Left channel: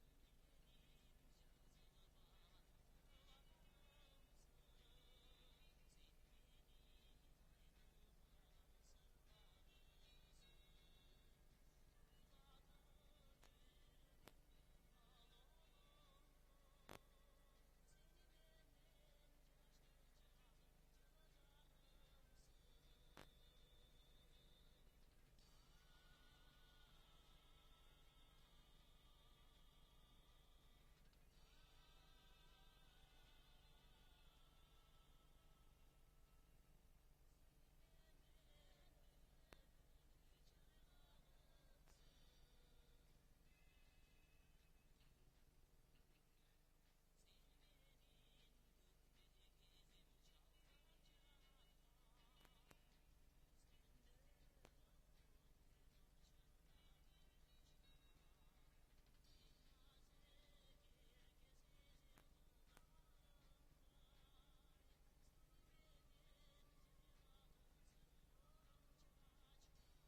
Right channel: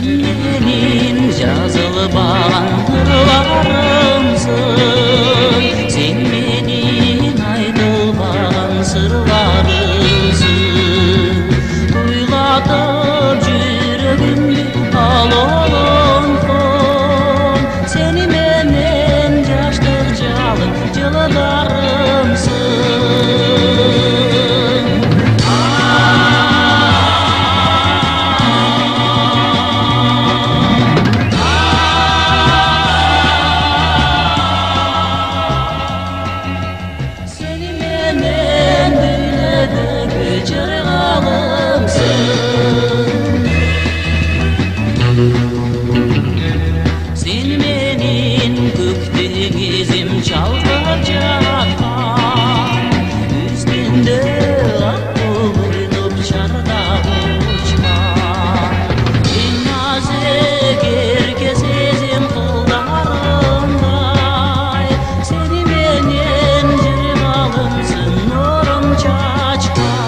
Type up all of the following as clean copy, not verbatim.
Sen menin жазылбаган ырларымсың, sen menin айтылбаган сырларымсың. Уйлатып жүрөгүмдү алолонтон, сени менен жаштык жалын жылдарымсың. Sen menin көктен кезим çalgап жаткан, үстүндө ак ойноп чардап учкан. Эң назик эрке сезим кылдарымдай, сени менен жыргалымсың нурун чачкан.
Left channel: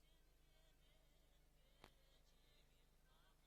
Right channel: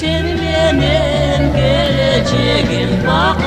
Sen menin geleceğim bak